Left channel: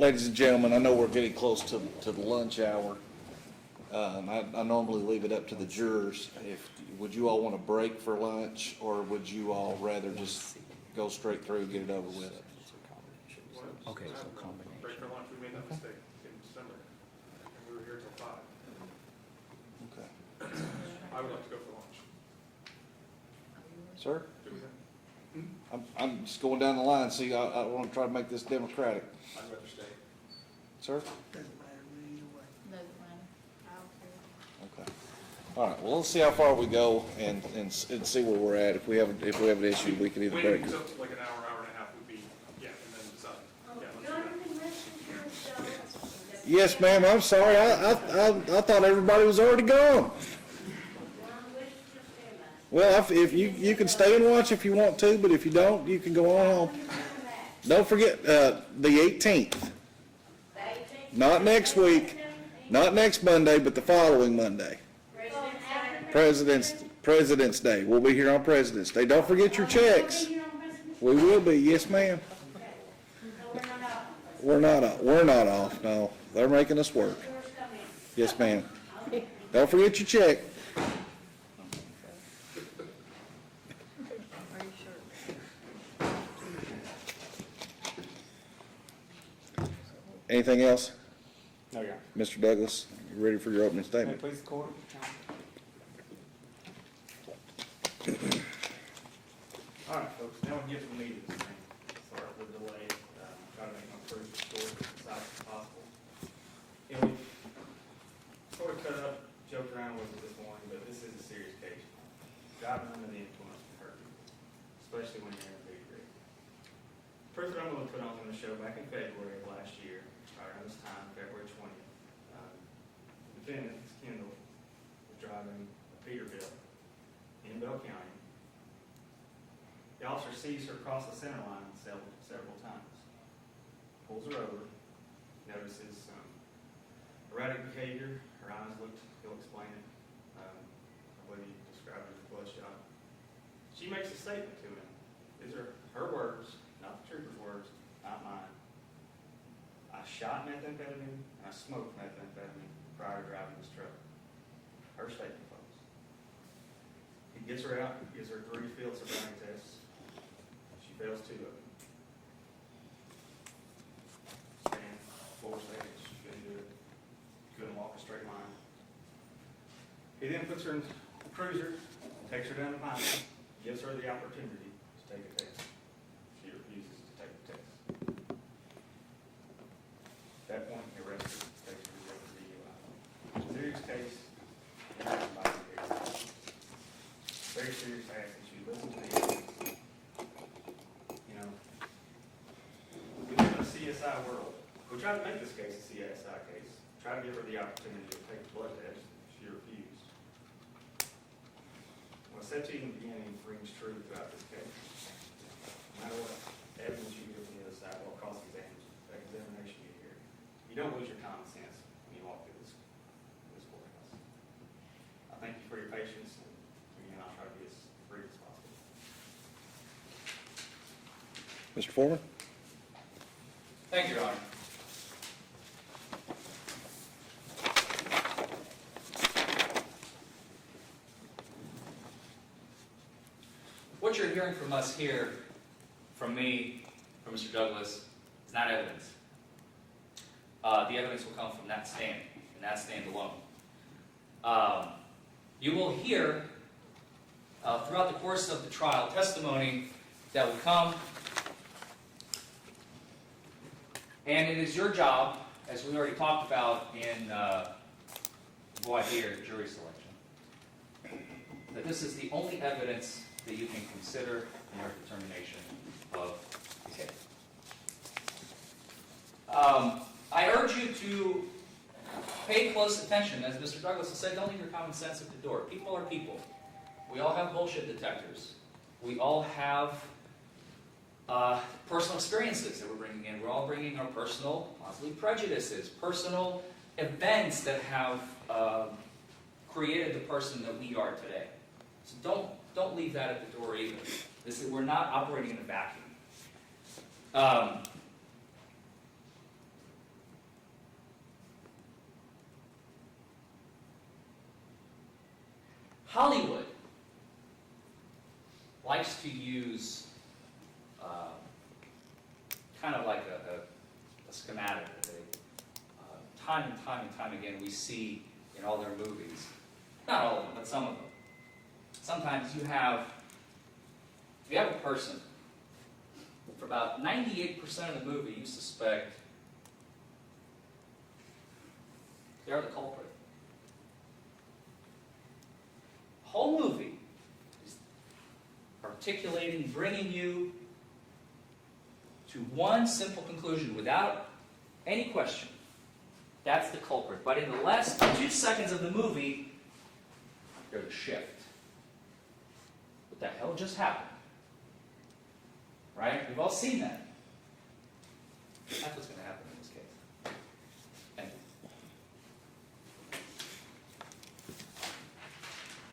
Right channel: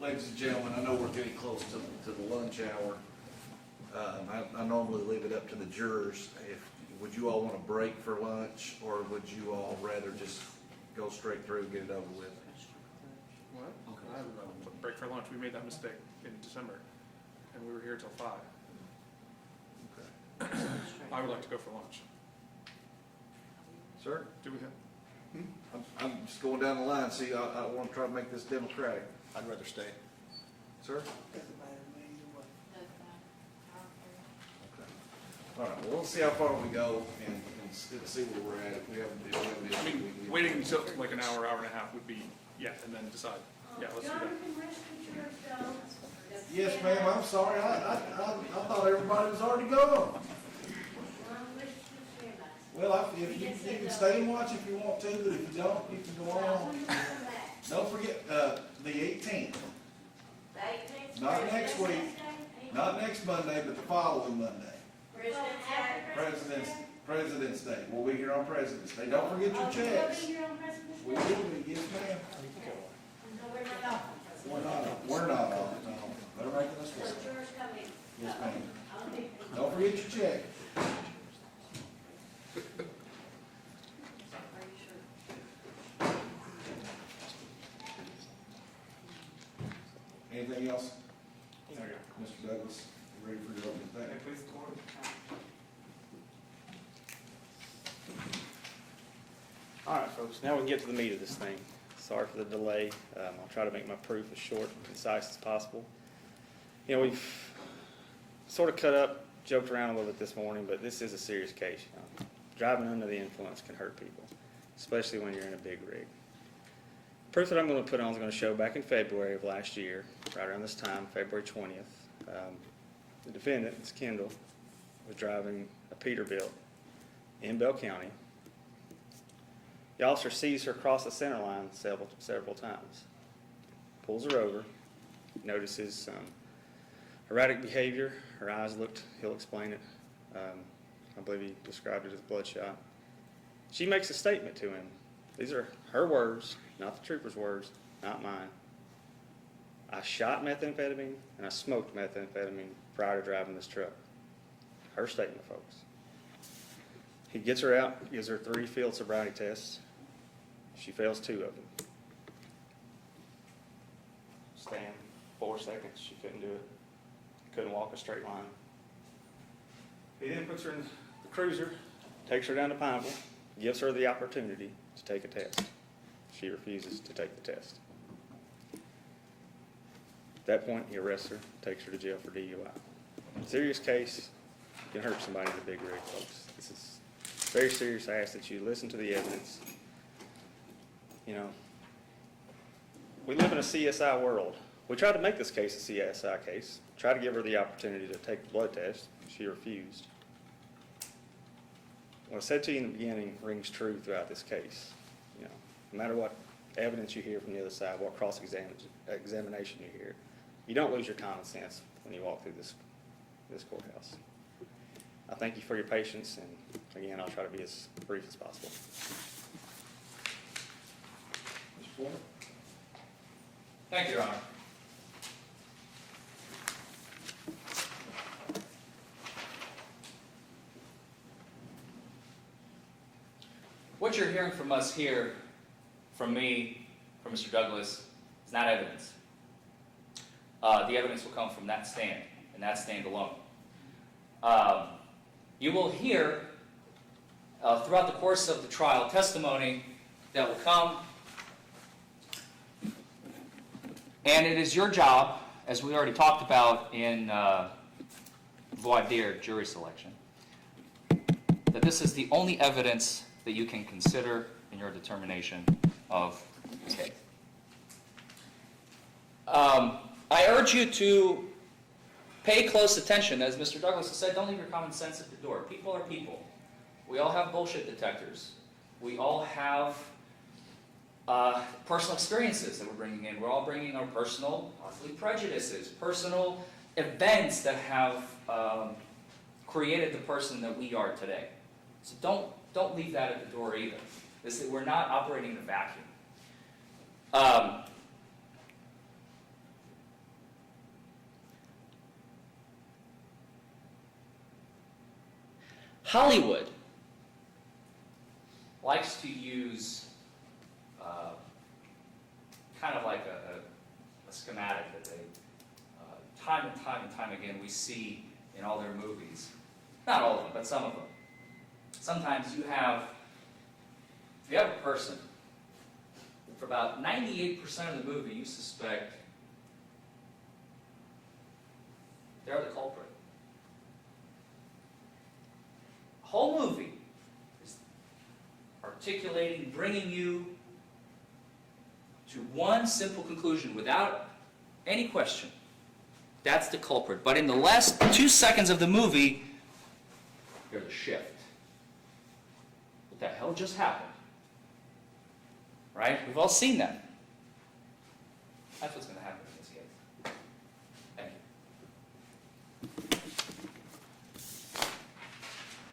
Ladies and gentlemen, I know we're getting close to the lunch hour. I normally leave it up to the jurors. Would you all want to break for lunch, or would you all rather just go straight through and get it over with? Okay. Break for lunch. We made that mistake in December, and we were here till 5. Okay. I would like to go for lunch. Sir? Do we have? I'm just going down the line. See, I want to try to make this democratic. I'd rather stay. Sir? Doesn't matter to me either way. That's fine. I don't care. Okay. All right, well, let's see how far we go and see where we're at. If we have an issue, we can either Waiting break. until like an hour, hour and a half would be, yeah, and then decide. Yeah, let's do that. Yes, ma'am, I'm sorry. I thought everybody was already gone. Well, if you can stay and watch if you want to, but if you don't, you can go on home. Don't forget, the 18th. Not next week, not next Monday, but the following Monday. President's Day. We'll be here on President's Day. Don't forget your checks. We will be, yes, ma'am. We're not off, no. They're making us work. Yes, ma'am. Don't forget your check. Anything else? No, Your Honor. Mr. Douglas, you ready for your opening statement? Please, the court. All right, folks, now we can get to the meat of this thing. Sorry for the delay. I'll try to make my proof as short and concise as possible. You know, we've sort of cut up, joked around a little bit this morning, but this is a serious case. You know. Driving under the influence can hurt people, especially when you're in a big rig. Proof that I'm going to put on is going to show back in February of last year, right around this time, February 20th, the defendant, Ms. Kendall, was driving a Peterbilt in Bell County. The officer sees her cross the center line several times, pulls her over, notices some erratic behavior. Her eyes looked, he'll explain it. I believe he described it as bloodshot. She makes a statement to him. These are her words, not the trooper's words, not mine. I shot methamphetamine and I smoked methamphetamine prior to driving this truck. Her statement, folks. He gets her out, gives her 3 field sobriety tests. She fails 2 of them. Stand 4 seconds, she couldn't do it. Couldn't walk a straight line. He then puts her in the cruiser, takes her down to Pineville, gives her the opportunity to take a test. She refuses to take the test. At that point, he arrests her, takes her to jail for DUI. Serious case, you can hurt somebody in a big rig, folks. This is very serious. I ask that you listen to the evidence. You know, we live in a CSI world. We tried to make this case a CSI case, tried to give her the opportunity to take the blood test. She refused. What I said to you in the beginning rings true throughout this case. You know, no matter what evidence you hear from the other side, what cross-examination you hear, you don't lose your common sense when you walk through this courthouse. I thank you for your patience, and again, I'll try to be as brief as possible. Mr. Forman? Thank you, Your Honor. What you're hearing from us here, from me, from Mr. Douglas, is not evidence. The evidence will come from that stand, and that stand alone. You will hear, throughout the course of the trial, testimony that will come. And it is your job, as we already talked about in voir dire, jury selection, that this is the only evidence that you can consider in your determination of the case. I urge you to pay close attention. As Mr. Douglas has said, don't leave your common sense at the door. People are people. We all have bullshit detectors. We all have personal experiences that we're bringing in. We're all bringing our personal, possibly prejudices, personal events that have created the person that we are today. So don't leave that at the door either. We're not operating in a vacuum. Hollywood likes to use kind of like a schematic that they, time and time again, we see in all their movies. Not all of them, but some of them. Sometimes you have a person, for about 98% of the movie, you suspect they're the culprit. Whole movie is articulating, bringing you to one simple conclusion without any question. That's the culprit. But in the last 2 seconds of the movie, there's a shift. What the hell just happened? Right? We've all seen that.